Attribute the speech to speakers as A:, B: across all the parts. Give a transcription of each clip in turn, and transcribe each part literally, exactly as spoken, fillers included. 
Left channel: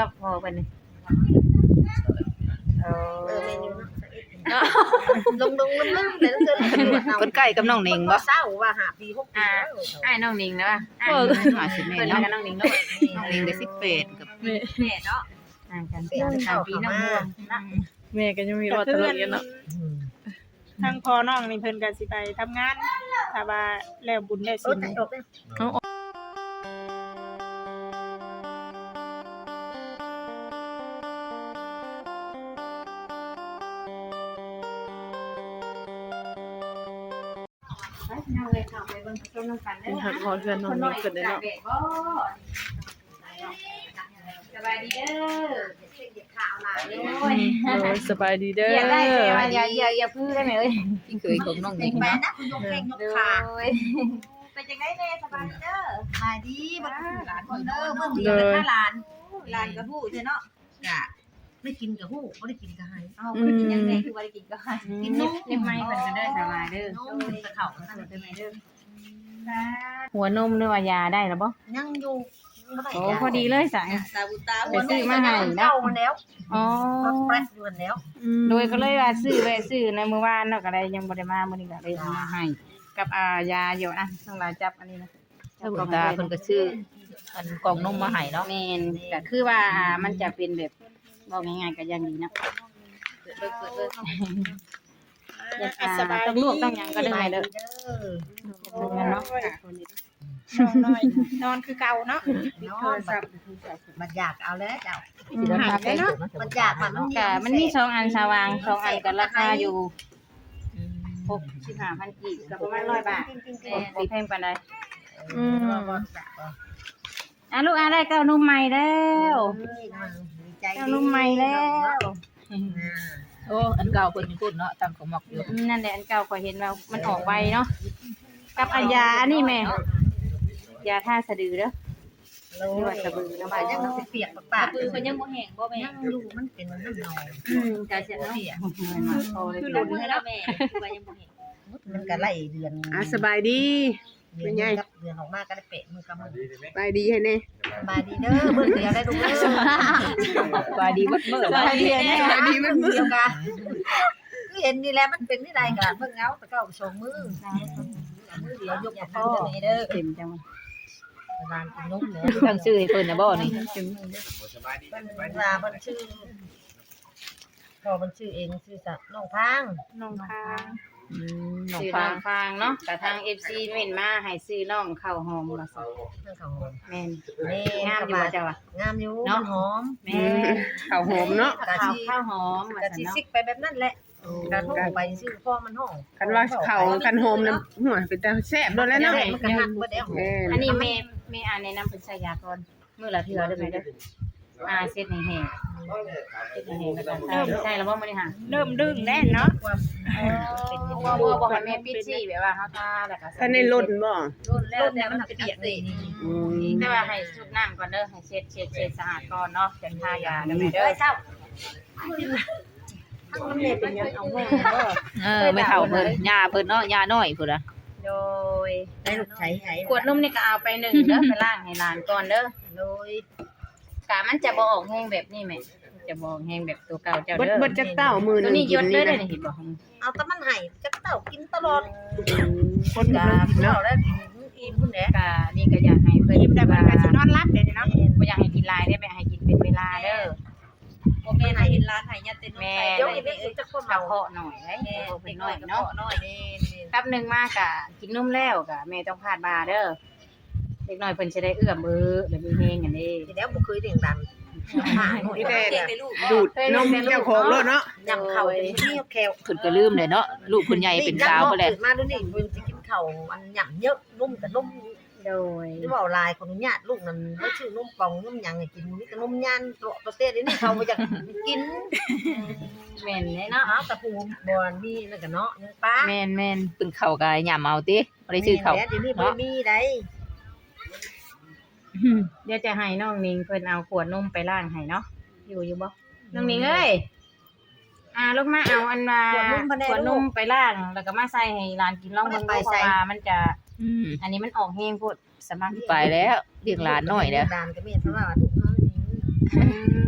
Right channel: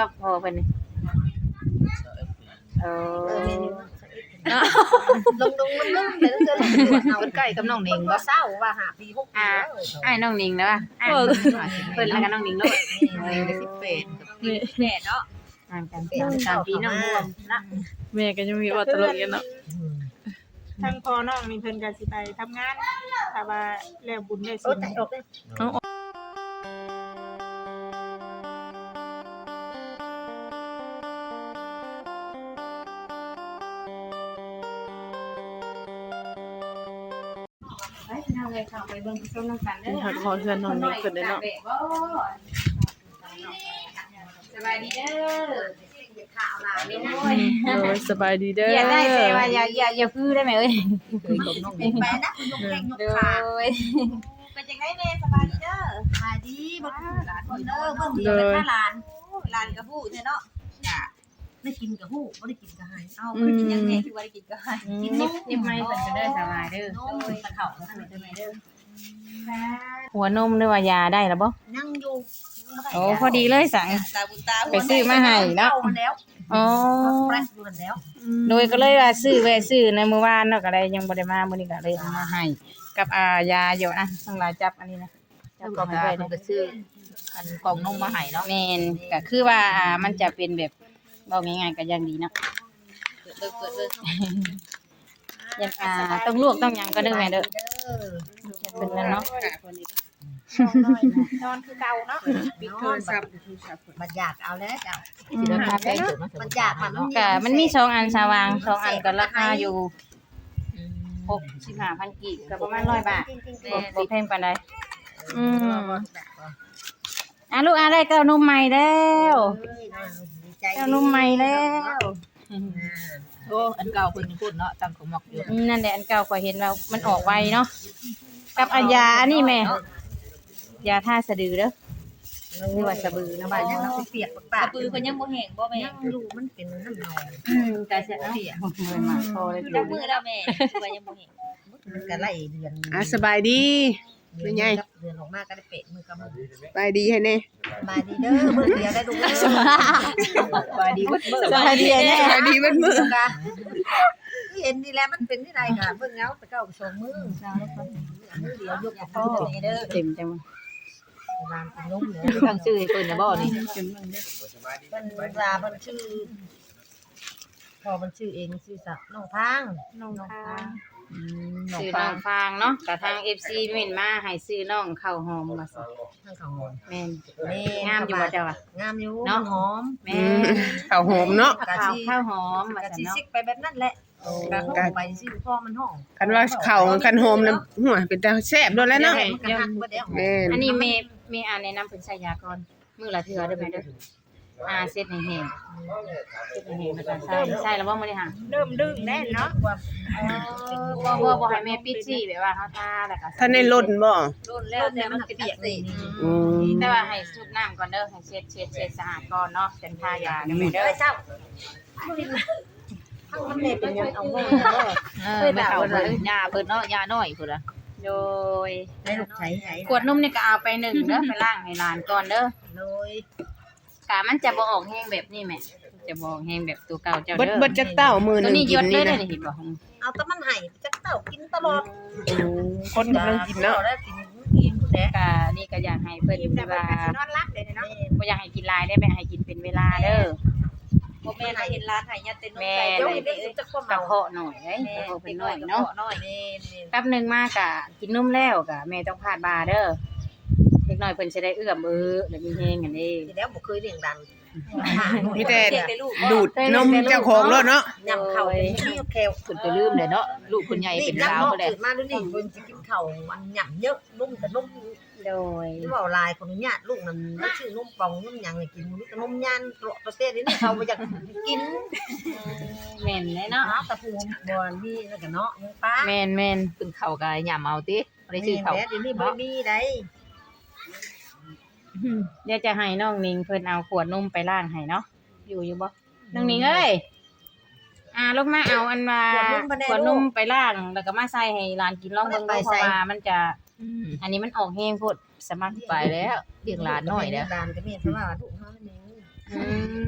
A: ะพอเพิ่นนี่เอ
B: เอ
A: อ
B: อเมนูเนาะลงลงลืมๆแต่ต้องเจอลูกตรวจเอา
C: เพิ่นใกล้กับน้องหนิง
B: บ่
C: บ่
B: เศร้าว่าหาปีหกปีแล้ว
A: อ้ายน้องนิงเด้ออ้าย
C: เออ
A: เพิ่นแล้วก็น้องนิงเนาะ
C: น้องหนิงได้สิบแปดกับ
D: แม่
A: แม่เนาะห่างกันเป็นสามปีน้องม่วงนะ
D: แม่ก็ยังมีว่าตลกอยู่เนาะ
E: ทางพ่อน้องนี่เพิ่นก็สิไปทำงานถ้าว่าแล้วบุญได้
B: โอ้
E: สิ
B: ใจออกเลย
A: ไปนั่งเลยเข้าไปเบิ่งซุ่มน้ำกันเด้อ
D: นี่หักคอเพื่อนน้องนี่เพิ่นได้เนาะ
A: สบายดีเด้อ
B: เหยียดขาเอาลา
A: โอ้
D: โอ้ยสบายดีเด้
A: อย่าได้
D: อ
A: แต่ว่าอย่าอย่าอย่าพื้นได้ไหมเอ้ย
C: เคยของน้องห
B: เป็
C: นิ
B: น
C: ง
B: ไปนะคุณยกแข้งยกขา
A: โอ้ย
B: เป็นจังได๋แม่สบายดีเด้อสบายดีบ่คือหลานคนเด้อเบิ่งเดียวเลยถ้าหลานหลานก็ฮู้ซื่อเนาะจ้ะได้กินก็ฮู้บ่ได้กินก็ให้เอ้าคือกินยังไงคือบ่ได้กินก็ให้กินนม
A: ยิบไม้เพิ่นก็เด้อสบายเด้อน
B: มตะเข้าก็ได้กินเด้อ
A: หัวนมด้วยว่ายาได้แล้วบ่
B: ยังอยู่ยังบ่ได้
A: โอ้พอดีเลยสาย
B: ตาบุตา
A: ไปซื้อมาให้เนาะ
B: เนาะแล้ว
A: อ๋อ
B: ก็แปรอยู่นั่นแล้ว
A: โดยก็เลยว่าซื้อแวะซื้อในมื้อวานเนาะก็เลยยังบ่ได้มามื้อนี้ก็เลยเอามาให้กับอ่ายาอยู่อ่ะทั้งหลายจับอันนี้นะ
C: เจ้าตาเพิ่นก็ซื้ออันกล่องนมมาให้เนาะ
A: แม่นก็คือว่าอ่ามันจะเป็นแบบบอกง่ายๆก็ยังดีเนาะ
B: เบิกเบิกเบิก
A: ยังอ่าต้องลวกต้องหยังก็เด้อแม่เด้อ
B: เด้อ
A: เพิ่นนั่นเนาะ
E: นอนคือเก่าเนาะ
B: นอนบัดบัดอยากเอาแล้วเจ้า
C: สิราคาแพงเกิดมา
B: มันอยากมัน
A: ก็มันมีสองอันสว่างสองอันก็ราคาอยู่หกสิบห้าพันกีบก็ประมาณร้อยบาทบ่บ่แพงปานใด
B: อืม
A: อ่ะลูกอ่ะได้เก้านมใหม่แล้ว
B: ใจ
A: เก้านมใหม่แล้ว
C: โอ้อันเก่าเพิ่นพูดเนาะตั้งของหมอกอยู่
A: อืมนั่นแหละอันเก่าก็เห็นว่ามันออกไวเนาะกับอันยาอันนี้แม่ยาท่าสะดือเด้อ
B: โอ้ยสะบือนะว่ายังน้ำเปียกปากๆ
C: ปืนเพิ่นยังบ่แห้งบ่แม่
B: ยังอยู่มันเป็นน้ำนอง
A: อืมก็จะเอาเงินมาพอเลย
C: คือ
A: จ้ะ
C: เนื้อแล้วแม่คือว่ายังบ่แห้ง
B: มันก็ไล่เดือน
F: อ่ะสบายดี
B: เดือนกับเดือนออกมาก็ได้เปะมือกับมือ
F: สบายดีให้แน่
B: สบายดีเด้อเบิ่งเดียวได้ดูเด้อ
C: ว่าดีเบิดเบิด
A: สวัสดีแน่
B: สบายดีเบิ่งเดียวกันคือเห็นนี่แหละมันเป็นที่ใดกันเบิ่งเงาตะเก้าสองมือมือเดียวยกกับพ่อ
A: เด้อเต็มจัง
B: นานกินนมเนี่ย
C: ตั้งชื่อให้เพิ่นน่ะบ่นี่
A: เต็มเด้อ
B: มันลามันชื่อพอมันชื่อเองชื่อสักน้องทาง
E: น้องค่ะ
C: อืมน้อง
A: ซื้อ
C: ฟา
A: น้อง งฟางเนาะกับทาง เอฟ ซี เม่นมาให้ซื้อน้องข้าวหอมว่าซั่น
B: ทางเขาหอม
A: แม่น
B: นี่
A: งาม
B: ส
A: อยู่
B: บา
A: บ่
B: ย
A: เจ้าอ่ะ
B: งามอยู่
A: เนาะ
B: มันหอม
A: แม่
F: ข้าวหอมเนาะ
B: กะ
A: ข้าว
B: ชี
A: ข้าวหอมว่าก
B: ะ
A: ซั่น
B: ชี
A: เนาะ
B: ซิกไปแบบนั้นแหละกะห้องไปชื่อพ่อมันห้อง
F: คันว่าข้าวคันหอมน้ำหัวเป็นตาแซ่บโดนแล้วเนาะ
B: มันก็หักเบิดแล้ว
F: แม่น
A: อันนี้แม่แม่อ่านแนะนำเพิ่นใช้ยาก่อนมื้อละเทื่อเด้อแม่เด้ออ่าเซ็ตให้แห้งเซ็ตให้แห้งแล้วก็ใส่ใส่แล้วบ่มื้อนี้ค่ะ
E: เริ่มดึงแน่เนาะ
B: ความเป็น
A: บ่บ่บ่ให้แม่ปิดซี่แบบว่าเฮาทาแล้วก็
F: ท่านได้ลดบ่
B: รุ่นแล้วแต่มันเปียกนี่
F: อืม
A: ก็ว่าให้สูดน้ำก่อนเด้อให้เช็ดเช็ดเช็ดสะอาดก่อนเนาะจังทายาเด้อแม่
B: เด้
A: เด้
B: อ
A: อ
B: เจ้าทั้งมันเลยเป็นยังเอาห้องเด้อ
C: เออไม่เฒ่าเพิ่นย่าเพิ่นเนาะย่าน้อยพุ่นน่ะ
A: โดย
B: ได้ลูกใช้ใช้
A: ขวดนมนี่ก็เอาไปหนึ่งเด้อไปล้างให้หลานก่อนเด้อ
B: เลย
A: กะมันจะบ่ออกแห้งแบบนี้แม่จะบ่ออกแห้งแบบตัวเก่าเจ้า
F: เบิด
A: เด้อ
F: เบิดจักเต้ามือห
A: ตั
F: นึ
A: ว
F: ง
A: นี้ย
F: กิน
A: ดเล
F: นี่
A: ยเด้อ
F: นะ
A: นี่เห็นบ่
B: เอาแต่มันให้จักเต้ากินตลอด
F: คน
B: จ้า
F: กิน
B: เนาะ
F: เนาะ
B: ได้กินอิ่มพุ่นแหละ
A: กะนี่ก็อยากให้เพิ่น
E: ยิ้มแต่
A: ว่า
E: เพิ่นก็สินอนหลับเด้เนาะ
A: บ่อยากให้กินหลายได้อแม่ให้กินเป็นเวลาเด้อ
B: บ่แม่นให้กินร้านให้ยาเต้นนมใส่เดี๋ยวอีเด้สิจักความ
A: กระ
B: เมา
A: เพาะหน่อยเด้กระเพาะเพิ่นน้อยเนาะ
B: น้อยนี่นี่
A: แป๊บหนึงมากะกินนมแล้วกะแม่ต้องพาดบาเด้อเด็กน้อยเพิ่นสิได้เอื้อมเอ้อแล้วมีแฮงกันเด้
B: ทีแล้วบ่เคยเลี้ยงดันหาหน่อย
F: มีแต่ดูดนมเจ้าของรถเนาะ
B: ยำเข้าเป็นนี่แคว
C: เพิ่นก็ลืมเลยเนาะลูกเพิ่นใหญ่
B: นี่
C: เป็น
B: ยั
C: สาว
B: นอก
C: เพิ่นแหละ
B: ตื่นมาดูนี่เพิ่นสิกินข้าวอันหยำเยอะนุ่มกับนุ่ม
A: โดย
B: หรือว่าลายคนอนุญาตลูกนั่นแล้วชื่อนุ่มปองนุ่มหยังให้กินมีแต่นุ่มย่านโตะเต้นี่เขาบ่อยากกิน
A: แม่นเลยเนาะ
B: อ้าวแต่ภูมิบ่มีนั่นก็เนาะยังป้า
A: แม่นแม่น
C: เพิ่นเข้าก็ย่ํเอาติบ่ได้ซื้อเข้า
B: แม่นแล้วเดี๋ยวนี้บ่ได้มีได้
A: เดี๋ยวจะให้น้องนิงเพิ่นเอาขวดนมไปล้างให้เนาะอยู่อยู่บ่น้องนิงเอ้ยอ่าลูกมาเอาอันมา
B: ขวดนุ่มบ่ได้
A: ขวดน
B: ลู
A: ม
B: ก
A: ไปล้างแล้วก็มาใส่ให้หลานกินลองเบิ่ง
B: บ่ได้
A: ดู
B: ไป
A: เพ
B: ใส่
A: ราะว่ามันจะ
C: อืม
A: อันนี้มันออกแห้งโพดสำหรับ
C: ไปแล้วเลี้ยงหลานน้อยแล้ว
B: หลานก็มีเพราะว่าลูกเฮานี่
A: อืม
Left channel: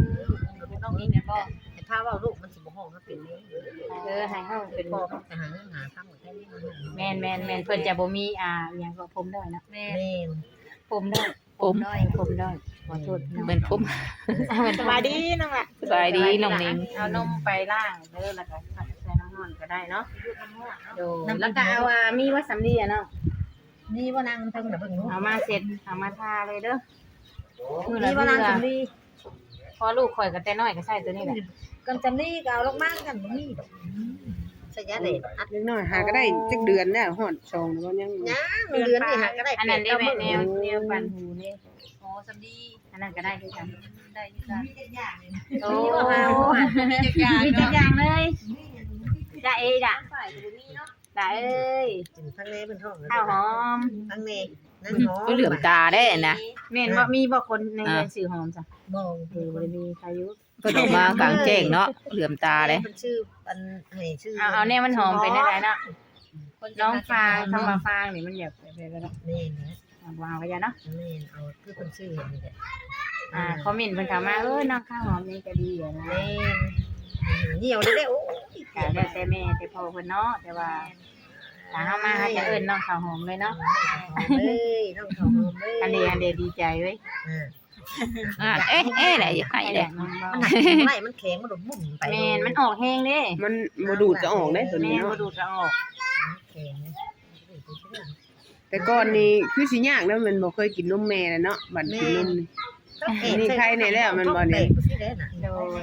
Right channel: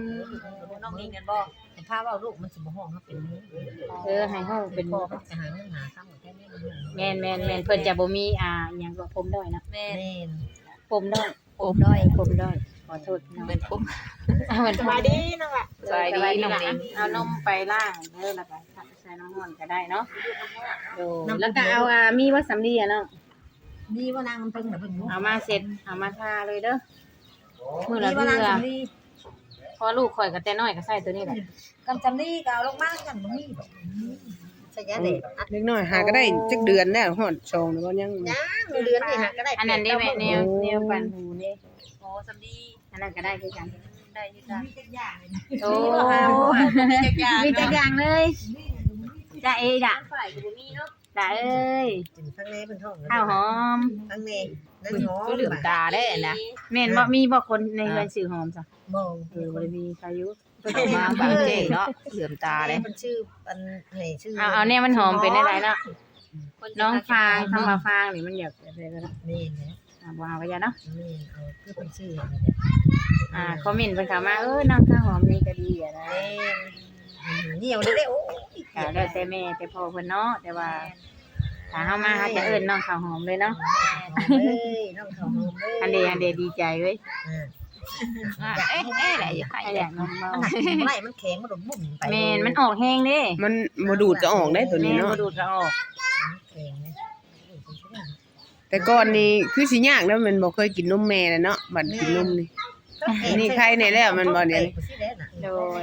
B: กันบ่ให้พาเว้าลูกมันสิบ่ฮ้องครับเป็นนี้
A: เออให้ห้อง
B: เป็
A: เป็น น
B: พ่อมันจะหาเงินหาค่ำกับแค่นี้มันฮ้อง
A: แม่นแม่นแม่นเพิ่นจะบ่มีอ่าหยังว่าผมด้อยเนาะ
B: แม่น
A: ผมด้อย
C: อุ้ม
A: ด้อยผมด้อยขอโทษ
C: เป็นอุ้ม
A: เหมือน
E: สบายดีน้องล่ะ
C: สบายดีน้องนิง
A: เอานมไปล่างเด้อแล้วก็ใส่น้ำร้อนก็ได้เนาะโดแล้วก็เอาอ่ามีวัสำลีอ่ะเนาะ
B: นี่ว่านางมันเพิ่งน่ะเบิ่งดู
A: เอามาเสร็จเอามาทาเลยเด้อมื้อละ
B: นี่
A: เทื่
B: ว่านาง
A: อ
B: สำลี
A: พอลูกข่อยก็แต่น้อยก็ใส่ตัวนี้แหละ
B: กำจำลีก็เอาลงมากันบ่มีดอกใส่ยาเด็ดอัด
F: เล็กน้อยหาก็ได้จักเดือนแล้วฮอดสองแล้วก็ยัง
B: ย่างเดือนนี่หาก็ได้
A: อันนั้นได้
B: เก้า
A: แม่
B: มื้อ
A: แนวแนวปั่นหูนี่
B: โอ้สำลี
A: อันนั้นก็ได้คือกัน
B: ได้อยู่จ้ะมีจักอย่างเลย
A: โอ้
B: มีบ่หาบ่ว่ามีจักอย่าง
A: มีจักอย่างเลยจ้าเอ้จ้ะ
B: ฝ่ายก็บ่มีเนาะ
A: จ้าเอ้ย
B: กินทั้งแน่เพิ่นท้อง
A: ข้าวหอม
B: ทั้งแน่นั่นหอม
C: ก็เหลือมตาได้นะ
A: แม่นบ่มีบ่คนในเรือนสื่อหอมจ้ะ
B: บ่
A: เออบ่ได้มีใครอยู่
C: เพิ่นออกมากลางแจ้งเนาะเหลือมตาเลย
B: เพิ่นชื่ออันให้ชื่อ
A: เอาเอาแน่มันหอมเป็นได้ๆเนาะน้องฟางทำมาฟางนี่มันอยากไปๆแล้วเนาะ
B: นี่นะ
A: เอาบ่เอาก็อย่าเนาะ
B: นี่เอาคือเพิ่นชื่อเห็นนี่แหละ
A: อ่าคอมเมนต์เพิ่นเข้ามาเอ้ยน้องข้าวหอมนี่ก็ดีอ่ะนะ
B: แม่นเหนียวได้ๆโอ้ย
A: แต่แล้วแต่แม่แต่พ่อเพิ่นเนาะแต่ว่าถ้าเฮามาเฮาจะเอิ้นน้องข้าวหอมเลยเนาะ
B: เอ้ยน้องข้าวหอมเอ้ย
A: อันเดอันเดดีใจเว้ย
B: อ่า
C: อ่ะเอ๊ะเอ๊ะไหนให้
A: ไอ้
C: แห
A: แห
C: ละ
A: ละมัน
B: มันหนักกินบ่ได้มันแข็งมันโดดบุ่มไป
A: แม่นมันออกแห้งเด้
F: มันบ่ดูดจะออกได้ตัวนี้
A: แม่น
F: เนาะ
A: บ่ดูดก็ออก
B: แข็งนะ
F: แต่ก่อนนี่คือสิยากแล้วมันบ่เคยกินนมแม่แล้วเนาะบัดกินนมนี่ นี่ใครในแล้วมันบ่เนี่ย
A: โดย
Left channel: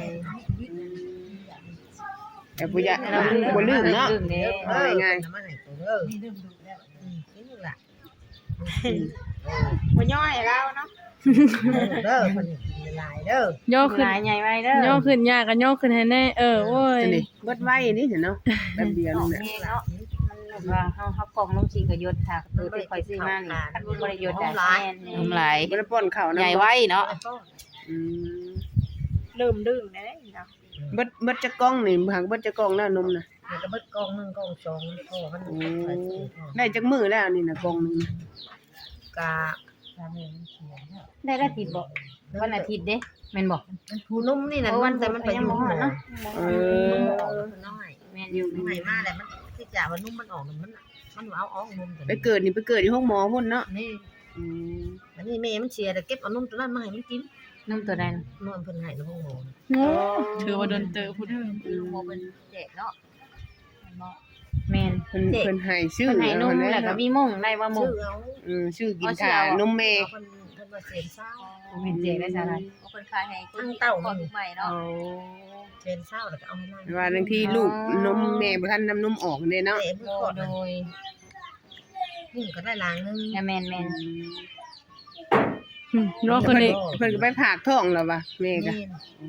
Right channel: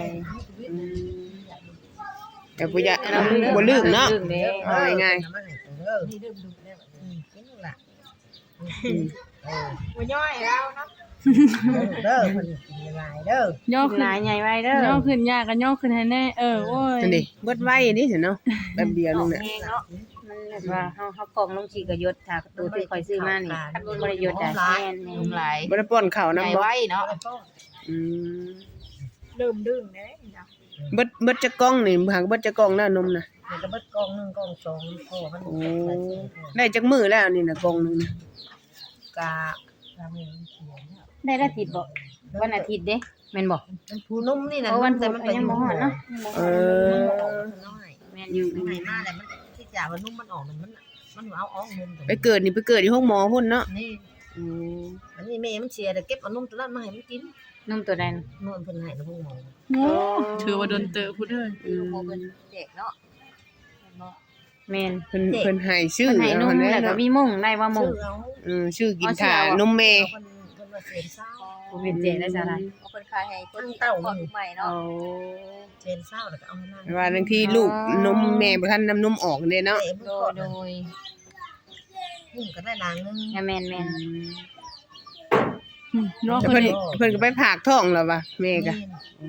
F: แต่บ่อยากบ่ลืมเนาะ
A: ลืมเด้
B: เออ
F: ง่าย
B: ๆมาให้ตัวเด้อนี่ลืมดูแล้วอืมกินลูกล่ะเออ
E: บ่ย่อยแล้วเนาะ
B: เด้อเพิ่นกินหลายเด้อย่
D: อขึ้น
A: หลายใหญ่ไว้เด้อย่
D: อขึ้นยากกันย่อขึ้นให้แน่เออโอ้ย
F: จังดิเบิดไว้นี่สิเนาะแป๊บเดียวนึงแหละ
A: มันแบบว่าเฮาเฮากล่องลงสิก็ยศถ้าตัวที่ข่อยซื้อมานี่คันบ่ได้ยศได้แม่น
C: น้ำลาย
F: บ่ได้ป้อนข้าว
C: ให
F: นำ
C: ญ่
F: บ่
C: ไว้เนาะ
F: อืม
E: ลืมดื่มได้เนาะ
F: เบิดเบิดจะกล้องนี่หากเบิดจะกล้องแล้วนมน่ะ
B: มันก็เบิดกองหนึงกองสองพ่อมัน
F: โอ้
B: หลายสี่พ่อ
F: ได้จักมื้อแล้วนี่น่ะกล้องนึงน่ะ
B: กะทำเองเขียนเนี่ย
A: ได้ละติดบ่วันอาทิตย์เด้แม่นบ่
B: มันผูนุ่มนี่น่ะนุ่มแต่มันไปอยู่หัว
A: เนาะ
F: เอ
B: นุ่ม
F: อ
B: ออกมันน้อย
A: แม่นอยู่
B: นุ่มใหม่มากเลยมันที่จ่าว่านุ่มมันออกมันมันเอาออกนุ่มแต่
F: ไปเกิดนี่ไปเกิดที่ห้องหมอพุ่นเนาะ
B: นี่
F: อืม
B: อันนี้แม่มันเชียร์แต่เก็บเอานุ่มตัวนั้นมาให้มันกิน
A: นุ่มตัวใด
B: นวลเพิ่นให้นะพวกหมอ
D: โอ้ถือว่าโดนเตอพูดเด้อ
A: อืม
B: โมเป็นแจกเนาะ
A: แม่น
F: เพิ่นเพิ่นให้ชื่อ
A: เพิ่นให้นุ่ม
F: เอา
A: แล้วก็
F: เนาะ
A: มีมุ้งได้ว่ามุ้
B: ชื่
A: ง
B: อเอา
F: อืมชื่อกินถ่า
A: เอาชื่อเอา
F: นมแม่
B: เพิ่นเพิ่นว่าเซนเศร้า
A: บ่เป็นเจได้ซะล่ะ
B: คนขายให้ทั้งเต้ามันใหม่
A: โอ้
B: เนาะเซนเศร้าแล้วก็เอาให้นั่น
F: ว่าบางทีลูกนมแม่บ่ทันนำนมออกเด้เนาะ
B: เตะมือ
A: โด
B: ก่อน
A: โดย
B: มุ่งก็ได้ล้างนึง
A: แม่นแม่นแม่น
D: อืมย่อขึ้
F: เพิ่
D: น
F: น
D: นี่
F: เพิ่นก็ไปผากท้องแล้วว่ะแม่ก็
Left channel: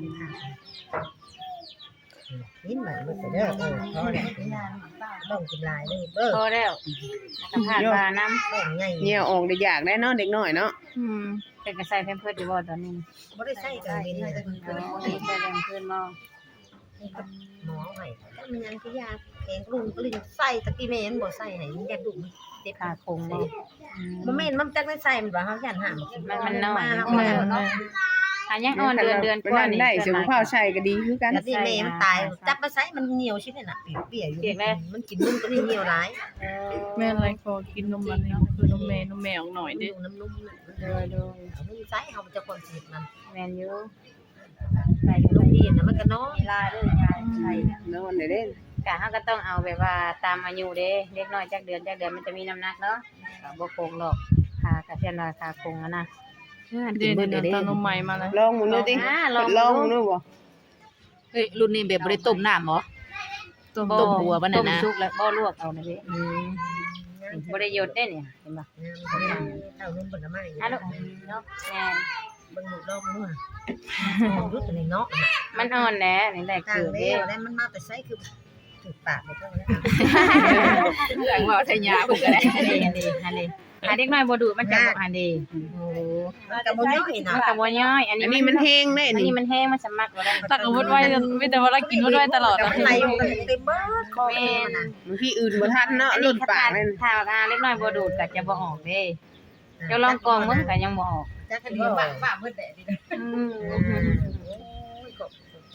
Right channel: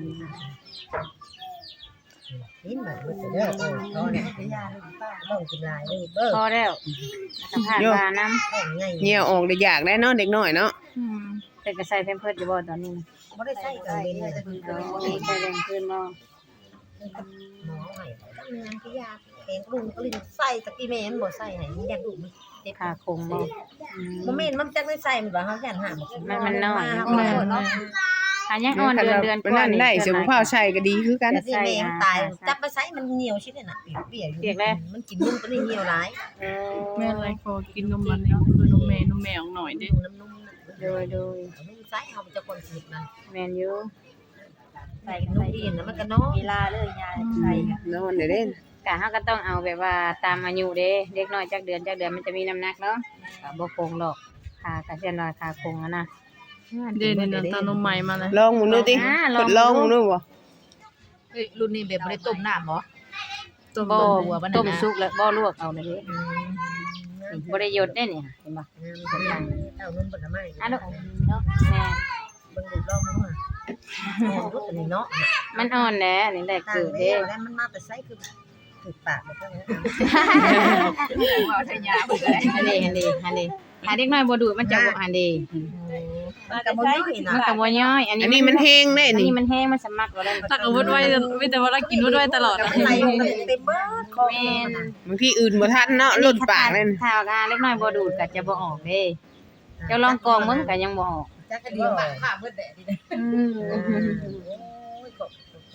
B: นี่มันเบิดเด้อเออพอแล้วต้องกินลายเด้อเด้อ
A: พอแล้วผ่านมาน้ำ
B: ต้องใหญ่
F: เหนี่ยวออกได้ยากได้เนาะเด็กน้อยเนาะ
D: อืม
A: เป็นกระใส่แพมเพิร์ดอยู่บ่ตอนนี้นะ
B: บ่ได้ใส่กันเป็นเลย
A: ใส่แรงขึ้นบ่
B: หมอให้จักมันยังคือยาแข็งกรุงกลิ้นใส่ตะกี้แม่นบ่ใส่ให้มันยัดดุมันเจ็บ
A: ขาโคงเลย
B: บ่แม่นมันจักได้ใส่มันว่าเฮาย่านหาบ่กินมาเฮา
D: แม่น
B: แม่
D: แม่น
A: อันยังอ่อนเดือนเดือนกว่า
F: นั่น
A: นี่
F: ได้เสือผู้เผาใช้ก็ดีคือกัน
B: แต่ที่แม่มันตายจับไปใส่มันเหนียวชิดนี่น่ะเปียกๆอยู่มันกินนุ่มตัวนี้เหนียวหลาย
D: แม่นไรพอกินนมมันนี่บ่คือนมแม่นมแม่ออกหน่อย
B: ดู
D: เด้
B: น้ำนุ่มน่ะ
A: โดยโดย
B: เอานุ่มใส่เฮาจะคนสิมัน
A: แมนยู
B: ใส่นุ่มดีน่ะมันก็เนาะเวลาเลยยายใส่
F: นอนได้เด้น
A: กะเฮาก็ต้องเอาแบบว่าตามอายุเด้เด็กน้อยจักเดือนจักเดือนมันจะมีน้ำหนักเนาะก็บ่โคงหรอกขากะเช่นว่าขาโคงอะนะ
D: เด่นนี่ตานมใหม่มาเลย
F: ลองมึงดูติทดลองมึงดูบ่
C: เอ้ยรุ่นนี้แบบบ่ได้ต้มน้ำเหรอ
D: ต้ม
A: บ่
C: ต้มหัวปานนั้นนะ
A: ต้มสุกแล้วบ่ลวกเอาเลยเด้
B: อืม
A: บ่ได้หยดได้เนี่ยเห็นบ่
B: เต้านุ่มผลไม้
A: อันนั้นเนาะแม่น
B: เบิ่งดูลองดูอ่ะอ๋อรู้ตัวนี้เนาะ
A: มันอ่อนแหละนี่แหละ
B: ทาง
A: คือ
B: เด้
A: เด้
B: แล้วมันมาแต่ไสคือถูกปากไปเท่านั้น
C: เรื่องว่าใช่ยาเพิ่นก็ได้
A: อันนี้อันนี้อันนี้อันเด็กน้อยบ่ดูดมันจะบ่อันนี้
B: มันก็บ่ย่อยนะ
A: มันก็บ่ย่อยอัน
F: อั
A: นี้
F: นนี้มันแห้งได้
A: อัน
F: นี่
A: นี้มันแห้งมันสมัครบ่ได้
D: ตักอาวุธไว้มีแต่ว่าเรากินวุธไว้ตลอด
B: มันไหลออกเต็มเบิดคอเองมันน่ะ
F: บางทีอื่นบ่ทันเนาะหลุดปากนั่น
A: ถ้าอ่าเล็กน้อยบ่ดูดก็จะบ่ออกเด้เดี๋ยวลองกรองมึงก็ยังบ่ออก
B: จักกันเดียวบ้าบ้าเบิดแดดดิ
A: อืม
B: โอ้ยขอบใจ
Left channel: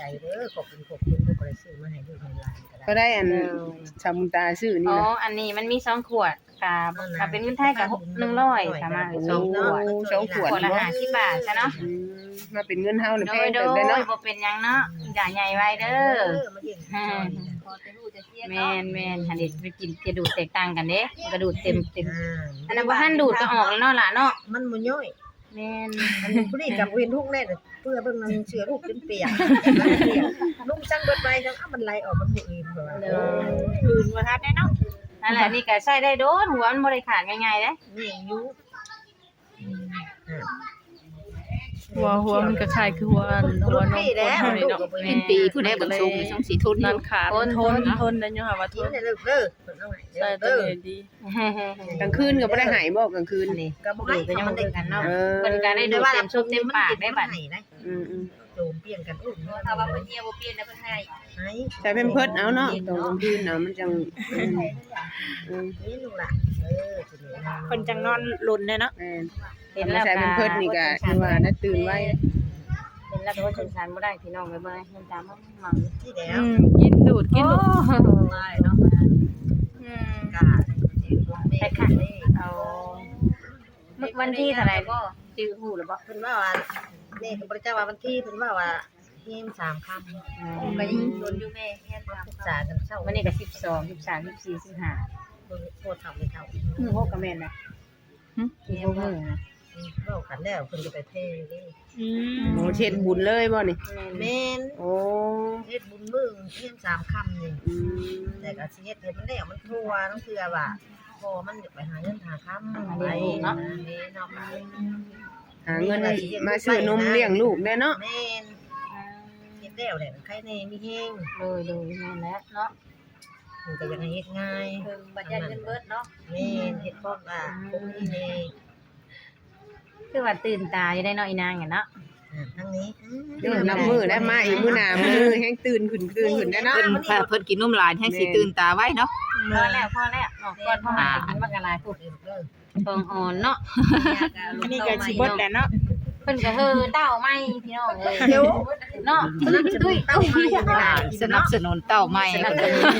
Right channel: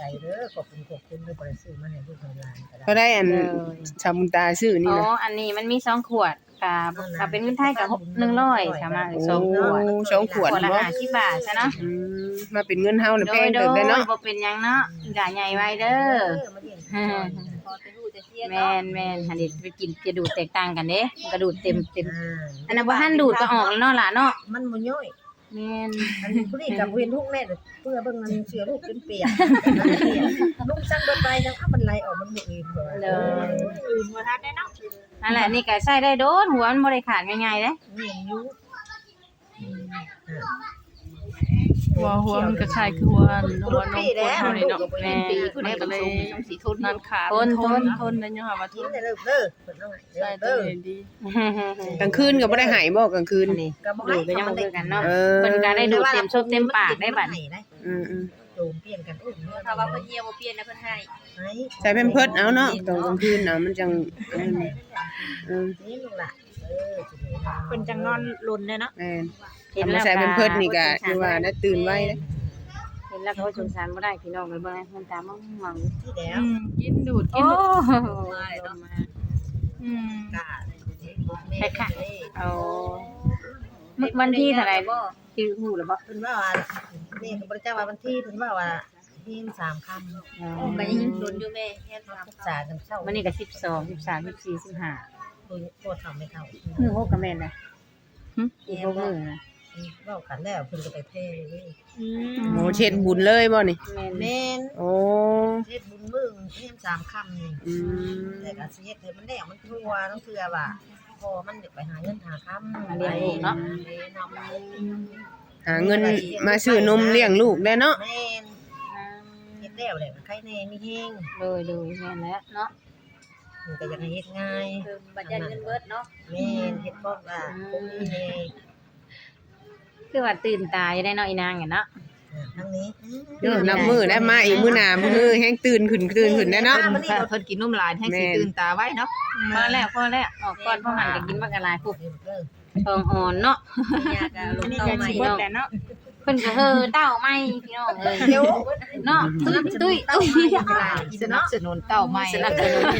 B: เด้อขอบคุณขอบคุณที่บ่ได้ซื้อมาให้ลูกให้หลานก็ได้
F: ก็ได้อันชาวมุนตาซื้อนี่
A: อ๋อ
F: นะ
A: อันนี้มันมีสองขวดกับกับเป็นเงินไทยกับหนึ่งร้อยสามารถเลยสองขวด
F: สองขวด
A: ขวดละ
F: บ่
A: ห้าสิบบาทใช่เนาะ
F: อืมมาเป็นเงินเฮาน่ะ
A: โด
F: แพ
A: ย
F: ง
A: โด
F: เติบ
A: ย
F: ได้เนาะ
A: บ่เป็นหยังเนาะอย่าใหญ่ไว้เด้อ
B: มาเลี้ยงจอยพอจะรู้จะเสีย
A: แม่นแม่นหันเด็ไปกินกระดูกแตกต่างกันเด้กระดูกเต็มเต็ม
B: อ่า
A: อันนั้นบ่ทันดูดก็ออกแล้วเนาะล่ะเนาะ
B: มันบ่ย่อย
A: แม่น
B: อันผู้นี้กับเวียนทุกแน่เพื่อเบิ่งมันเชื่อลูกจนเปียกเปียกลุงสั่งเบิดไปจังอ้ามันไหลออกมันบ่อื่นเพิ่นว่า
A: เลย
E: อื่นบ่ทันแน่เนาะ
A: นั่นแหละนี่ก็ใส่ได้โดนหัวมันบ่ได้ขาดง่ายๆเด้
B: นี่ยังอยู่อ่า
D: หัวหัวมันก็คล้ายคือหัวหัวนมคนเฮานี่เนาะ
C: เป็นปีผู้ใดก็สูงช่องสีทุน
D: นั่นขาดมันทนทนได้อยู่ค่ะว่าท
B: กิน
D: น
B: ได้เลิกเด้อเพิ่นเอาให้
D: ใช่
B: เด้อ
D: ตัว
B: เด้อ
D: นี้ดี
F: กลางคืนก็บ่ได้หายบ่กลางคืน
A: อันนี้
B: ก็บ่
A: ดู
B: ให้
A: ก็ยัง
B: มั
A: บ่
B: นได้
A: คือกันเนาะ
F: เออ
A: เพิ่นก็ได้ดูเต็มชุดเต็มปากได้บัด
B: ให้ได้
F: อืม
B: โจมเปลี่ยนกันอุ้มถ้าว่าเพิ่นเหี่ยวบ่เปลี่ยนนะเพิ่นให้ให้
F: ๆใส่แพมเพิร์สเอาเนาะตอนกลางคืนเอามันจังอืม
B: นี่ลูกล่ะเออสิเด้
E: คนจังนอนลุ้นเด้เนาะ
F: แม่น
A: เห็น
F: มา
A: แล้ว
F: ใส่แพมเพิร์สนี่ก็คือว่าน่าตื่นไว้นะ
A: เห็นแล้วก็สงสารบ่ได้พี่น้องไปเบิ่งมันตามมันมัน
B: ที่แล้
D: อื
B: ว
D: มกินดูดกิ
A: โอ้
D: นดูด
B: ได้เนาะ
D: อืม
B: กาสิบ่แม่ค่ะ
A: เอาวันที่เท่าไหร่บ่ที่ฮู้หรือบ่
B: เพิ่นว่าว่าแม่ก็บ่ได้จ้าว่าวันที่เพิ่นว่าว่าเฮมสามค่ำ
A: ไป
B: ยิงชวนอยู่แม่เฮมสามศึกษากันเช้า
A: วันนี้ก็สิบสอง สิบสาม สิบสี่ สิบห้า
B: โคตรเฒ่าไม่เฒ่า
A: มื้อหกก็แม่นนะอีกหกมื้อนะ
B: เว้ากันแล้วเพิ่นก็ไปเทเด้
E: อืม
F: โอ้เช็ดบุญเลยบ่นี่
A: แม่น
B: แม่น
F: โอ้
B: เฮ็ดบุญมื้อเฮมสามค่ำนี่
F: อืม
B: แต่ก็สิเฮ็ดให้มันแล้วมันทั่วต้องเทื่อว่าพอมันอยากไปหาเงินหาค่ำไปเนาะแม่เนาะ
F: หาเงินมาซื้อนมเลี้ยงลูกได้เนาะ
B: แม่นเฮ็ดแล้วแหละใครแน่มีแฮง
A: เลยเลยแม่นแล้วเนาะ
B: มันก็อยากให้เฮ็ดง่าย
A: เพิ่นบัดยันเงินเบิดเนาะ
B: แม่นเฮ็ดพร้อมว่าคงมีแน่
A: คือว่าตื่นตาอยู่ได้เนาะอีนางอะเนาะ
B: อ่าทั้งนี้
F: เออนับมือได้มาอีกมื้อหน้ามื้อแฮงตื่นขึ้นตื่นขึ้นได้เนาะ
C: เพิ่นเพิ่นกินนมหลายให้สิตื่นตาไว้เนาะ
A: พอแล้วพอแล้วออกก่อนพ่อหันไปกินบักกะลายพุด
B: เด้อ
A: ทองอ่อนเนาะ
E: อันนี้ก็สิเบิดแหละเนาะ
A: เพิ่นก็เฮอเต้าไหม่พี่น้องเอ้ย
B: เดี๋ยว
A: เนาะ
B: สนับสนุนเต้ามาอยู่เวลากิน
C: สนับ
B: เนาะ
C: สนุนเต้าใหม่
A: สนับสนุน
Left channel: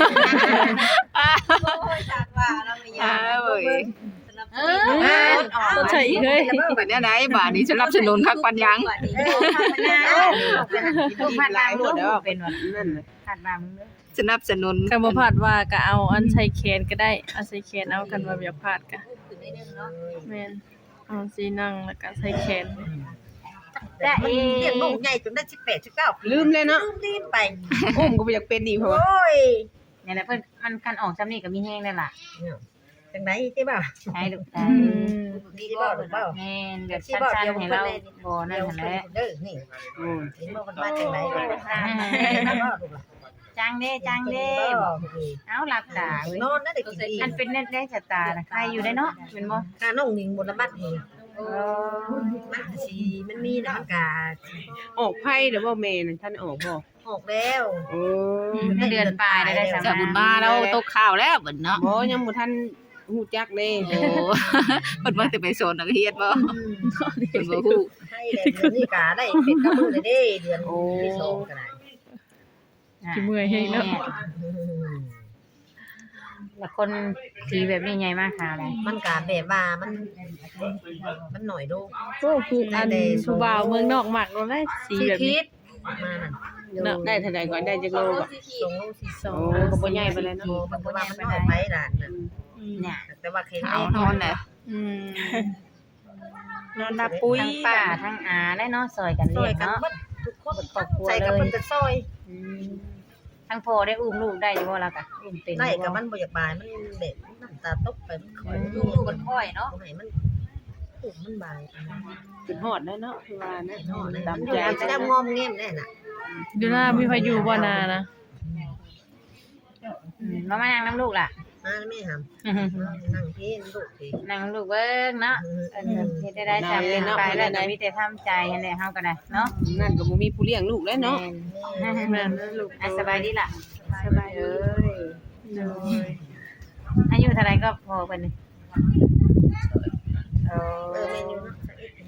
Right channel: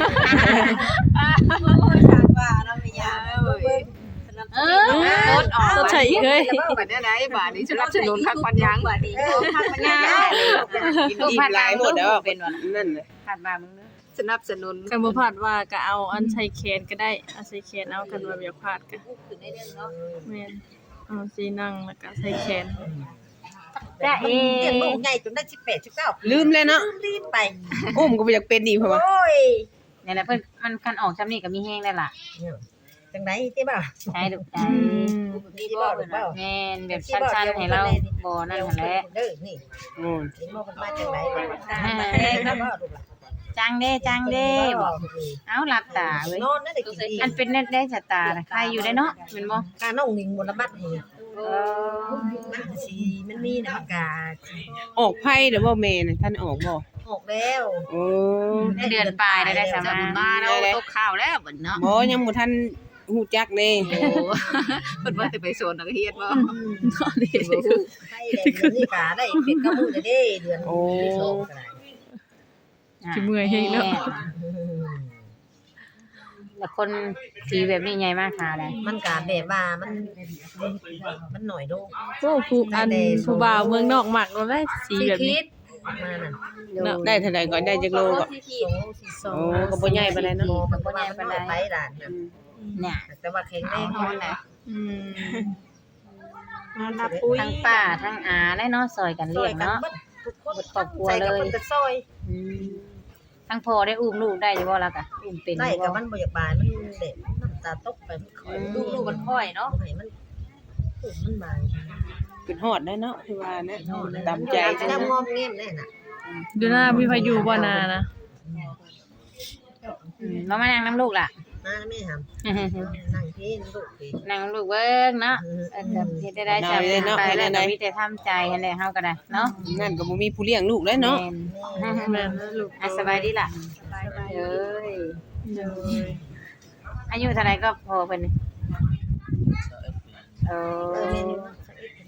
B: ว่าเราไม่ยาก
C: เอ้ย
A: เออออก
D: ต้องใส่อีกเฮ้ย
C: บัดนี้ไหนบาดนี้สนับสนุนคักปันยัง
B: เออทำไปแล้ว
F: กินอิ่มหลายหมดแล้ว
A: เป็นว่า
F: นั่นแหละ
A: ขาดบามึงเด้อ
C: สนับสนุน
D: กันบ่พลาดว่าก็เอาอันใส่แขนก็ได้เอาใส่แขนเอากันว่าอย่าพลาดก็แม่นเอาสีนั่งแล้วก็ใส่แขน
B: จ้าเอ๋เลี้ยงลูกใหญ่จนได้สิบแปด สิบเก้า
F: ลืมแล้วเนาะ
B: ลืมรีบไป
F: อุ้มก็บ่อยากเป็นอีกเพราะว่า
B: โอ้ย
A: เนี่ยนะเพิ่นมันคันออกจำนี่ก็มีแห้งได้ล่ะ
B: จังได๋ใช่ป่ะ
A: ใช่ลูกใจ
D: อืม
B: ดีบ่ลูกเปล่า
A: แม่นแบบสั้นๆให้เราบ่นั่น
B: เดี๋ยว
A: หั่นแห
B: เพิ่น
A: ละ
B: เด้อนี่
F: อืม
B: เห็นบ่มันมาจังได๋ลูกนะบ่ลูกล่ะ
A: จังเด้จังเด้
B: บ่
A: เอาหลับตาเว้ย
B: นอนน่ะได้กินอีก
A: อันเป็นเน็ตได้ชะตานะใครอยู่ได้เนาะแม่นบ่
B: ค่าน้องนิงบ่ละบัดนี่
A: เออ
B: มันสิมันมีน่ะมันก็
F: ออกไผเด้อบ่แม่น่ะท่านออกบ่
B: ออกแล้ว
F: โอ้
A: เดือนปลายได้สา
C: จะ
A: มาร
C: บุญ
A: ถ
C: มาเราตกข้าวแล้วบัดเนาะ
F: บ่ยังบ่ทันฮู้จักเด้
C: โอ้เพิ่นบ่ได้ไปโซนนักเรียนบ่
B: อืม
C: เพิ่นบ่ฮู้
B: ให้แล้วเดือนนี้ก็ได้เป็ดกับมื้อเลยเด้เดือนที่สองก็ได้
D: สิเมื่อยเฮงเนาะ
B: อืม
A: แล้วคนสีแบบนี้ใหญ่มากค่ะอะไร
B: มันก็แบบว่ามันมันหน่อยโด
D: โอ้ผู้อันผู้บ่าวเมืองนอกมักเราได้สี
B: สิ
D: แบบ
B: คิ
D: นี้
B: ดมานั่น
D: เนาะ
F: ได้เท่าใดก่อนได้จักโลก็
B: สองโลสี่สอง
F: โอ้ก็บ่ใหญ่ปานใดเนาะ
B: โลมันก็ว่ามันน้อยไปด่านน่ะ
A: เนี่ย
B: แต่ว่าแข็งแรง
C: เอาแหละ
D: อืม
E: นอนทับปุ้ย
A: ทั้งป้าทั้งอาและเนาะซอยกัน
B: ซ
A: เลี้
B: อย ย
A: ง
B: กัน
A: เนาะ
B: เบิดทุกคน
A: ครอบครัว
B: ใส่กับ
A: เลย
B: เพิ่นก็ซอย
A: อืมทั้งพ่อได้อุ้มลูกได้อยู่บ่ล่ะกะอุ้มเป็น
B: ได้กับมันบ่อยากบายมันแบบน้ำตาตกไปมันคอยดูมันค่อยเนาะบ่ให้มันอุ้มมันบาย
F: ขึ้นฮอดได้เนาะคือว่านะ
B: เนาะ
F: ตาม
B: มันอ
F: ใจ
B: ยู่มันจะงอมแง้มแน่น่ะ
D: ดูหน้ามีพายุบ่นานะ
A: อืมมามานั่งน้ำลูกล่ะ
B: มาแล้วแม่หำนั่งพี่ลูกพี่
A: นั่งลูกเบิ่งเนาะเออเฮ็ดได้ได้ใจไปแล้วก็มีแต่ทำใจนั่นแหละเฮาก็ได้เนาะ
F: นั่นก็บ่มีผู้เลี้ยงลูกแล้วเนาะ
A: แม่น
D: แม่นนะลูก
A: อ่ะสบายดีล่ะสบายเอ้ย
D: เลย
A: อายุเท่าไหร่ก็พอเพิ่นนี่เอ
B: เออ
A: อ
B: เมนูเนาะสักนิด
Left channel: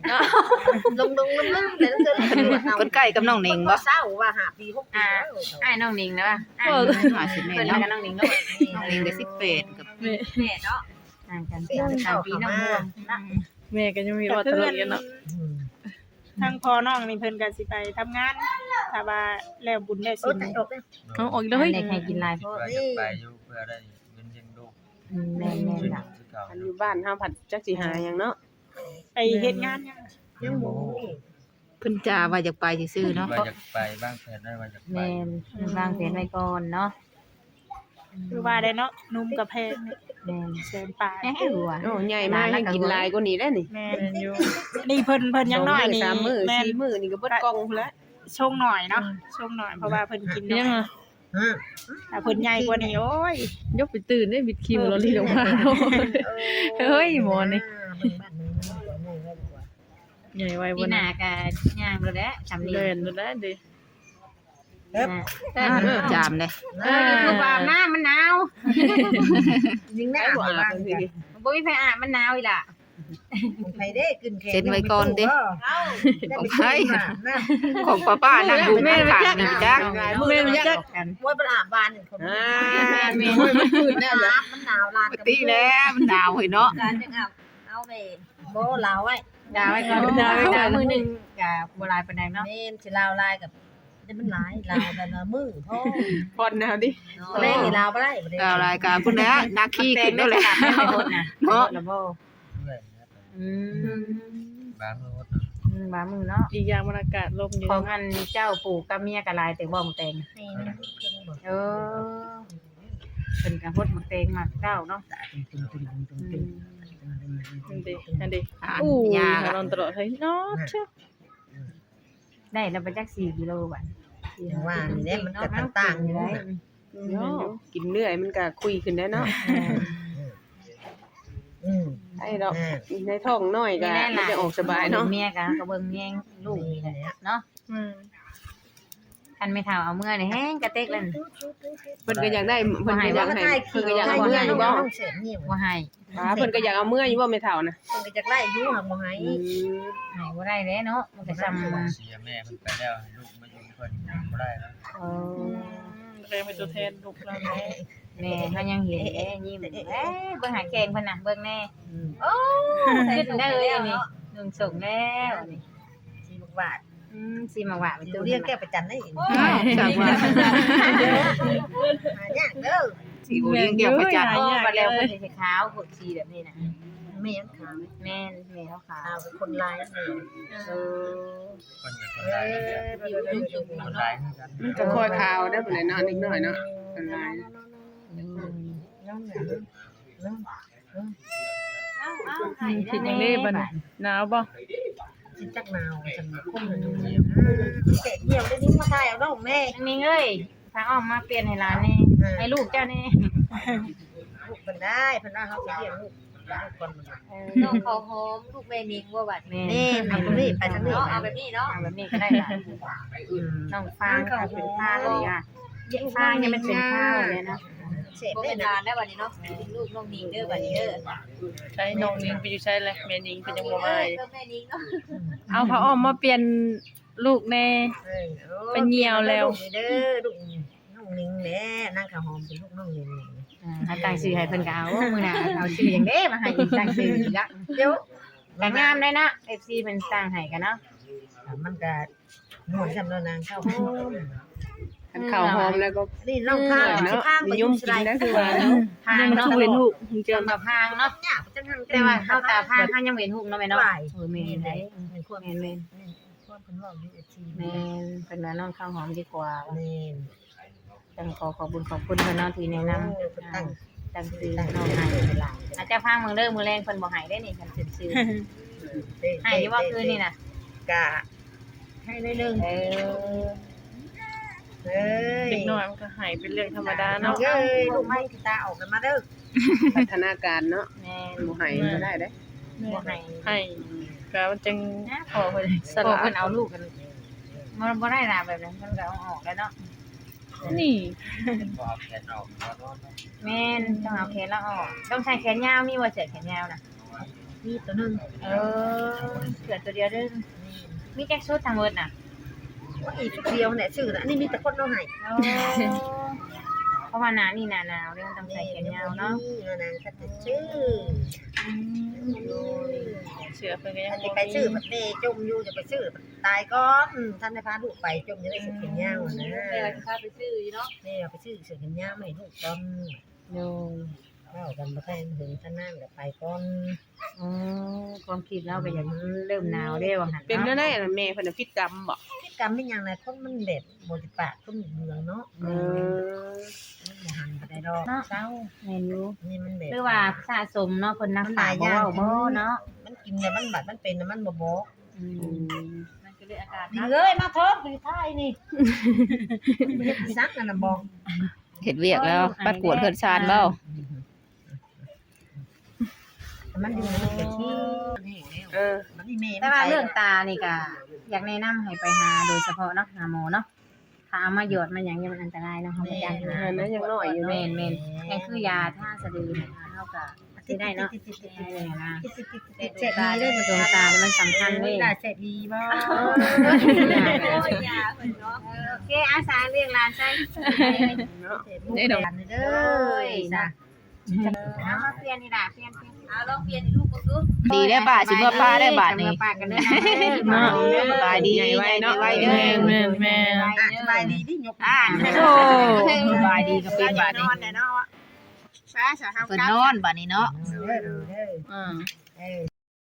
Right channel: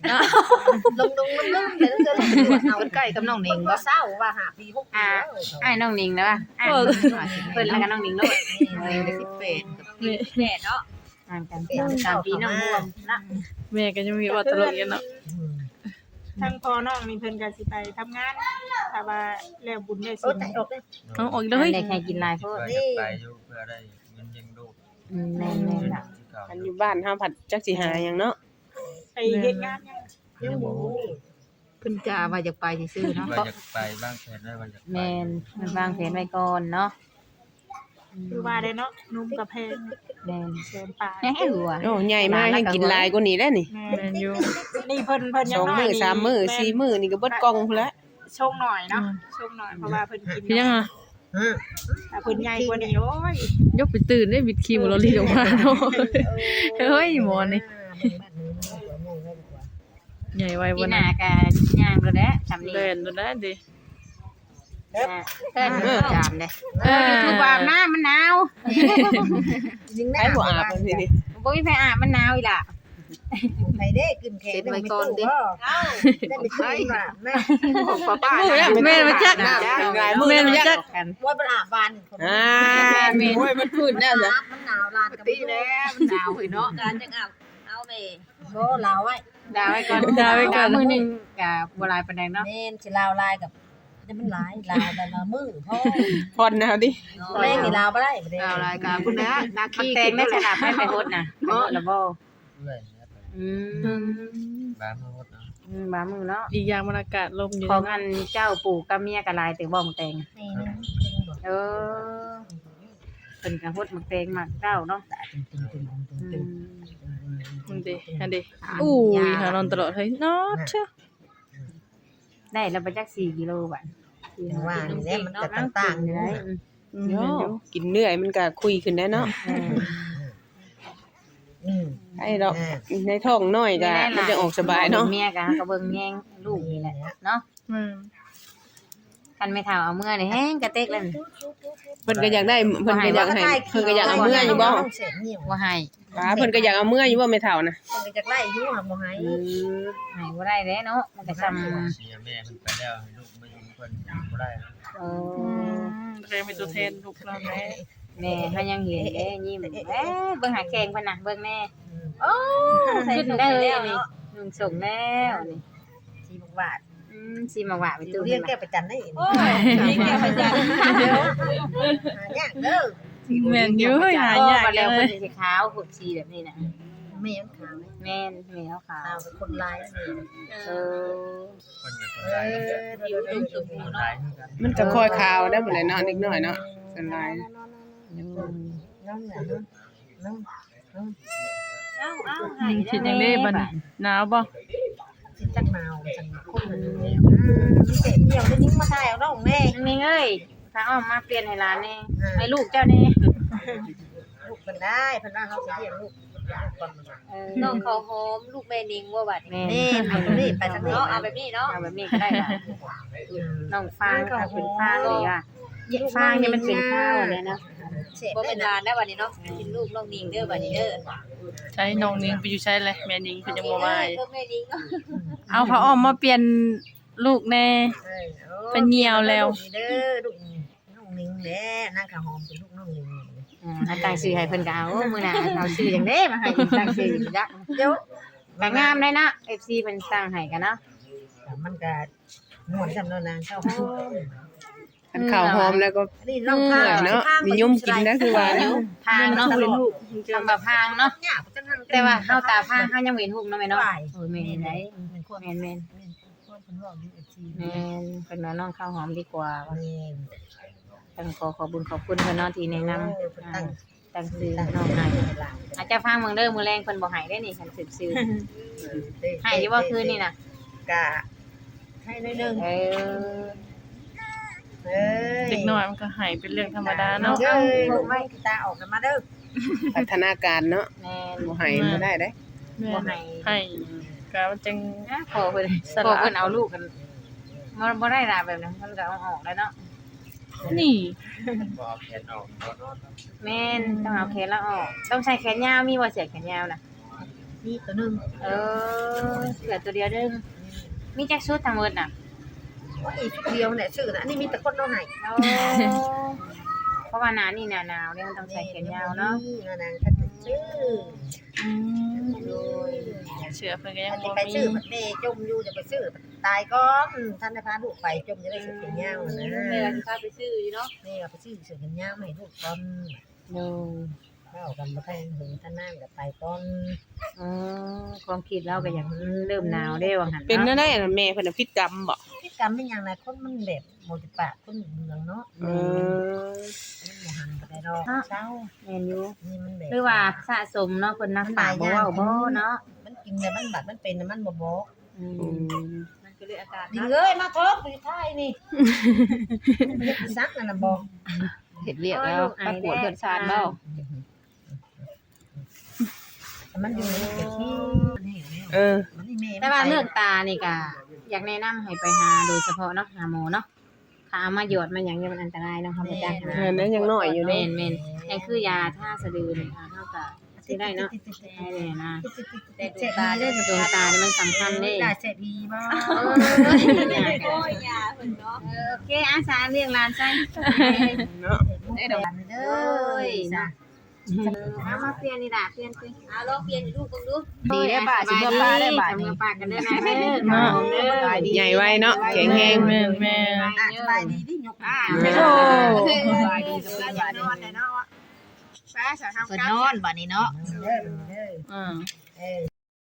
B: ลงลงลืมๆเลยต้องเจอลูกตรวจเอา
C: เพิ่นใกล้กับน้องหนิง
B: บ่
C: บ่
B: เศร้าว่าห้าปีหกปีแล้ว
A: อ้ายน้องนิงเด้ออ้าย
D: เออ
A: เพิ่นแล้วก็น้องนิงเนาะ
C: น้องหนิงได้สิบแปดกับ
D: แม่
B: แม่เนาะ
A: ห่างกัน
B: เป็น
A: สามปีน้อง
B: เข้า
A: เพิ่
B: มา
A: นนะ
D: แม่ก็ยังมีว่าตลกอยู่เนาะ
E: ทางพ่อน้องนี่เพิ่นก็สิไปทำงานถ้าว่าแล้วบุญได้
B: โอ้
E: สิ
B: ใจออกเลย
D: เอาออกอีกแล้วเฮ้ย
A: ได้ใครกินหลายโพด
G: ว่าจะไปอยู่เพื่อได้เงินเลี้ยงลูก
A: อืมแม่น
G: ช่วย
A: ๆ
G: น้อ
A: ล่ะ
G: งที่เก่า
F: อันอยู่บ้านเฮาผัดจักสิหาหยังเนาะ
E: ไปเฮ็ดงานยัง
B: ยังบ่
C: เพิ่นจ่าว่าอยากไปซื่อๆเนาะ
G: ว่าจะไปบ้างแผนได้ว่าจะไป
A: แม่นวางแผนไว้ก่อนเนาะ
E: คือว่าได้เนาะนุ่มกับแพง
A: แม่น
E: แสนปลาย
A: ยังให้หัว
F: โอ้ใหญ่มากให้กินหลายกว่านี้แล้วนี่
E: แม่
D: แม่นอยู่
E: นี่เพิ่นเพิ่น
F: ส
E: ยัง
F: อง
E: น้อย
F: มื้อ
E: นี่
F: สามมื้อ
E: แ
F: สี่มื้อนี่ก็เบิดกล่องพุ่นละ
E: ชงหน่อยเนาะชงหน่อยเพราะว่าเพิ่นกิน
D: เป็นยัง
E: เนาะ
D: อ่ะ
E: ถ้าเพิ่นใหญ่กว่านี้โอ้ย
D: ยกไปตื่นได้บิดครีมเราลีออกมาเนาะ เฮ้ยหมอนี่
B: เบิ่งบ้านนึงกว่าโมงแล้วดีกว่า
D: ใหญ่ไว้
A: ปี
D: บ่
A: ห
D: นะ
A: น้าก็ย่างแล้วแหละสำนี้
D: เล่นดูนะดิ
A: เออ
C: เออจามเลย
A: เออคือว่าอาบน้ำมันหนาว
B: ยิงได้
F: ไอ้บ่
B: อา
F: อา
B: บบ
F: จังซี่ดิ
A: บ่มีไผอาบมันหนาวอีหล่ะ
B: ไผเด้กินแขกได้ไปกินว่าแม่
C: ของป้าป้านะ
D: แม่มาจัก
C: จัก
F: หลายมื้อแล้วจัก
A: กัน
B: ว่าเป็นอาบานคน
F: อ่าแม่นมันขึ้นแล้วจ้ะ
B: มันหนาวลาน
C: ปกติแล้วมันหนาวเฮ้ยเนาะ
B: การจังอาบเอาไปบ่ลาวไว้
A: ดาวไว้ก่อน
D: ดาวไว้ก่อน
A: มื้อหนึงก็บ่หลายปานใดเนาะ
B: แม่นสิลาวลายกับจะมันหลายลาวแต่ละมือพ่อ
F: พอนแนวดิ
B: แรงนี่ลาวบ่ได้บ่ได้
C: ดาวรายการพุ่นนะนาคี
A: แต่
C: ขึ้
A: ง
C: น
A: ได้
C: แล้วแห
A: ข
C: ละ
A: นาดนั้นไปหมดน่ะหมดแล้วบ่
G: เรื่อยนะไป
A: อืม
G: บ้านเมื่อวัน
A: อืมบามือเนาะ
D: อีกอย่างมันอากาศลมอยู่
A: ของ
D: เนาะ
A: อันเจ้าปู่กับเมียก็หลายแต่บ่มแต่ง
B: นี่นึงเก่งบ่
A: เออเพิ่นก็ฮดมักแตงมักเต้าเนาะ
B: ตึงตึงตึงตึง
A: อื
B: ตึง
A: ม
D: อันดิอันดิอู้ยหานอนตลอดเฮ้ยนอดเชื่อ
A: ได้แล้วบ่จักสี่กิโลบาท
B: อย่างว่านี่แหละมันก็ต่างๆอยู่นะ
D: อืม
F: โย่กินเหนื่อยมันก็คุยขึ้นได้เนาะ
B: อืม
F: ไอ้ดอกในท้องน้อยก็มันจะออกสบายเนาะ
A: เมียก็ก็เบิ่งแย่งลูกนี่แหละเนาะ
D: อืม
A: คันไม่เท่าเอาเมื่อนี่แห้งกระเตกแล้ว
F: เพิ่นก็อยากได้เพิ่นก็อยากให้เพิ่นก็อยากเอาเมื่ออยู่บ่
B: ต้องเสียนิ่ว
A: บ่ให้
F: ป้าเพิ่นก็อยากเอาเมื่ออยู่บ่แม่เฒ่านะ
B: เพิ่นก็จะไล่อยู่หักบ่ให้
F: อืม
A: ให้บ่ได้เด้เนาะมันก็ซ้ำ
G: เสียแม่มันไปแล้วให้ลูกมาอยู่เพิ่นบ่ได้แล้ว
A: เอ
D: อื
A: อ
D: มเรียกเป็นตัวแทนลูกเราแม่
A: แม่เฮายังเห็นเด้ยิ้มเอ้เบิ่งหาแกงเพิ่นน่ะเบิ่งแน่โอ้ขึ้นได้เลยนี่หนึ่งส่งแล้วนี่
B: สี่บาท
A: อืมสิมาว่าไป
B: ตั
A: ตัว ว
B: เรี
A: เรี
B: ย
A: ย
B: ก
A: ก
B: แก้
A: แก
B: ประจันได้
A: เดี๋ยว
B: หายากเด้อ
D: แม่นอยู่เฮ้ยหา
A: พ่อย
D: าก
A: มา
D: เล
A: แล้ว
D: ย
A: เพิ่นสิขาวพวกสีแบบนี้น่ะ
B: แม่นขาว
A: แม่นแม่เขาขา
B: ขาว
A: ว
B: เป็นคนลายนี่
A: เออ
G: เพิ่นก็คน
B: เอ
G: ร้าย
B: อผิวจุ่ม
G: คนร้ายคือกัน
F: มันก็คอยขาวได้บ่เลยเนาะนิดหน่อยเนาะส่วนหลาย
B: น้องเนี่ยน้อง
A: เอาเอาให้
D: คิดยังได้บัดนี้หนาวบ่
B: สิจักนาวจังคนมันเสร็จเดียวได้นิ้งมาถ่ายเอาน้องแม่
A: นางนิ่งเอ้ยพาออกมาเปลี่ยนให้หลานนี่ให้ลูกเจ้านี่
B: ลูกเพิ่นได้เพิ่นว่าเฮาสิเลี้ยงลูกลูกก่อนมัน
A: เออ
B: น้องเขาหอมลูกแม่นิงว่าบัด
A: แม่
B: แม่เอาตรงนี้ไปทางนี้
A: เอาแบบนี้เนาะเอาแบบนี้ก็ได้ล่ะน้องฟางก็เป็นฟางเลยว่ะฟางนี่มันเป็นข้าวเนี่ยเนาะ
B: เสร็จได้นานได้บัดนี้เนาะกินลูกน้องนิงเด้อบัดนี้เด้อ
D: ใช้น้องนิงไปอยู่ใช้แหละแม่นิงเพิ่นยังบ่มา
B: แม่นิงเนาะ
D: เอาพระอ้อมมาเปลี่ยนลูกแน่ เป็นเหี่ยวแล้ว
B: เด้อลูกน้องนิงแหละนางข้าวหอมเป็นลูกน้องนิง
A: อ่าตั้งชื่อให้เพิ่นก็เอามื้อหน้าเอาชื่อจังได๋มาให้ตั้งชื่ออีกละ
B: เดี๋ยว
A: ก็งามได้นะ เอฟ ซี เพิ่นตั้งให้กันเนาะ
B: มันก็ม่วนจำเนาะนางข้าวหอม
F: คันข้าวหอมแล้วก็
B: นี่น้องข้าง
F: เนาะนิยมกินนะคือว่าเนาะ
A: พาง
D: ยัง
A: เนาะ
D: สู้เห็นลูก
A: จำแบบพางเนาะ
B: เนี่ยจังหัน
A: แต่ว่าเฮาตาพางเฮายังเว้นหุกเนาะแม่เนาะ
B: ไหว
A: เออแม่นได้
B: เป็นคน
A: แม่นแม่น
B: คนเป็นว่าอยู่เอฟซี
A: แม่นเป็นว่าน้องข้าวหอมดีกว่า
B: แม่น
A: ต้องขอขอบคุณขอบคุณเพิ่นเนาะที่แนะนำ
B: เพิ่นตั้ง
A: ตั้งชื่อ
B: ตั้ง
A: น้อง
B: เดือน
A: ให้
B: เดือนหลาน
A: อาจจะพางเมืองเด้อมื้อแรงเพิ่นบ่ให้ได้นี่คันชื่อชื่อให้อยู่บ่คืนนี่น่ะ
B: กะให้หน่อยนึง
A: เออ
B: เอ้ย
D: เด็กน้อยมันก็หายเป็นเรื่องธรรมดาเนาะ
B: เอ้ยลูกมันกีตาออกกันมาเด้อ
F: พัฒนาการเนาะ
A: แม่น
F: บ่ให้บ่ได้เด้
D: แม่
A: บ่ให้
D: ให้ก็มันจัง
A: นะขอเพิ่น
D: สละ
A: ขอเพิ่นเอาลูกกันมันบ่ได้ล่ะแบบนั้นเพิ่นก็เอาออกแล้วเนาะ
D: นี่
G: บ่เอาแขนออกบ่นอน
A: แม่นต้องเอาแขนแล้วออก ต้องใช้แขนยาวมีบ่เสื้อแขนยาวน่ะ
B: มีตัวหนึง
A: เออเหลือตัวเดียวเด้อมีจักชุดทั้งหมดน่ะ
B: ว่าอีกชุดเดียวเนี่ยชื่อน่ะอันนี้มีแต่คนเอาให้
A: เพราะว่าหนานี่หนาหนาวเนี่ยมันต้องใส่แขนยาวเนาะ
B: นางก็จะชื่อ
D: อืมเชื่อเพิ่นก็ยั
B: อัน
D: ง
B: นี้
D: บ่
B: ไปชื่อ
D: มี
B: มันเมจมอยู่จะไปชื่อตายก่อนท่านได้พาลูกไปจมจะได้เสือแขนยาวนะ
C: แม่สิพาไปซื้ออยู่เนาะ
B: นี่เอาไปชื่อเสือแขนยาวให้ลูกก่อน
A: หนึ่ง
B: เข้ากันบ่ทันถึงท่านนั่นก็ไปก่อน
A: อืมความคิดเราก็อย่างเริ่มหนาวได้ว่าหั่น
F: เป็น
A: เนาะ
F: แน่ๆน่ะแม่เพิ่นน่ะพิษกรรมบ่
B: พิกรรมเป็นอย่างไรคนมันแบบโมจิปากคนเมืองเนาะ
F: เออ
B: มันบ่หันก็ได้ดอกเช้า
A: แม่นอยู่
B: นี่มันแบบ
A: หรือว่าสะสมเนาะเพิ่นนัก
B: มันหลายอย่าง
A: บ่เว้บ่เนาะ
B: มันกินเนี่ยมันบัดมันเป็นน่ะมันบ่บอก
A: อื
F: อื
A: ม
F: ม
C: มันก็เลยอาการ
B: ดิเอ้ยมาเถอะไปท้ายนี่ไม่ได้ซักนั่นน่ะบอก
C: เฮ็ดเวียกแล้วปัดปวดเพิ่นชานเบ้า
B: มันอยู่มันเป็นที่มันแห้งแล้ว
F: เออ
B: มันนี่แม่
A: แต่
B: มัน
A: ว่า
B: ไป
A: เรื่องตานี่ก็อยากแนะนำให้ไปหาโดยเฉพาะเนาะหาหมอเนาะถ้าเอามาหยดมาหยังเนี่ยมันอันตรายเนาะเฮาบ่ได้
F: เออนั้นยังน้อยอยู่
A: แม่
F: เนาะ
A: นแม่นยังคือยาท่าสะดือนี่ค่ะเฮาก็สิได้เนาะได้เลยนะ
B: เจ็บดีเด้อ
A: ดวงตานี่มันสำคัญเด้
B: ได้เจ็บดีบ่
C: ยาเพิ่นเนาะ
A: เออโอเคอาสาเรื่องร้านใช่
F: เนาะ
B: ได้ดอกเด้อจ้ะ
A: เอามาเปลี่ยนนี่ล่ะเปลี่ยนเปลี่ยน
C: เอาลองเปลี่ยนให้ลูกเบิ่งดู
B: ดีได้ป่ะสิเมื่อป้าได้บาท
A: เมื่
B: นี้
A: อป้ากันเด้อ
D: เนาะ
A: สบายดี
F: ใหญ่ไว้เนาะ
D: แม่นแม่นแม่น
B: อ่ะสบายดีดิยกอ่า
D: โอ้
B: สบายดีก็เป็นบาท
E: น
B: นี้
E: อนแน่เนาะไปสาทำ
B: เพิ่น
E: กรรม
B: นอนบาดนี้เนาะเด้อเด้อ
D: อ่า
B: เออ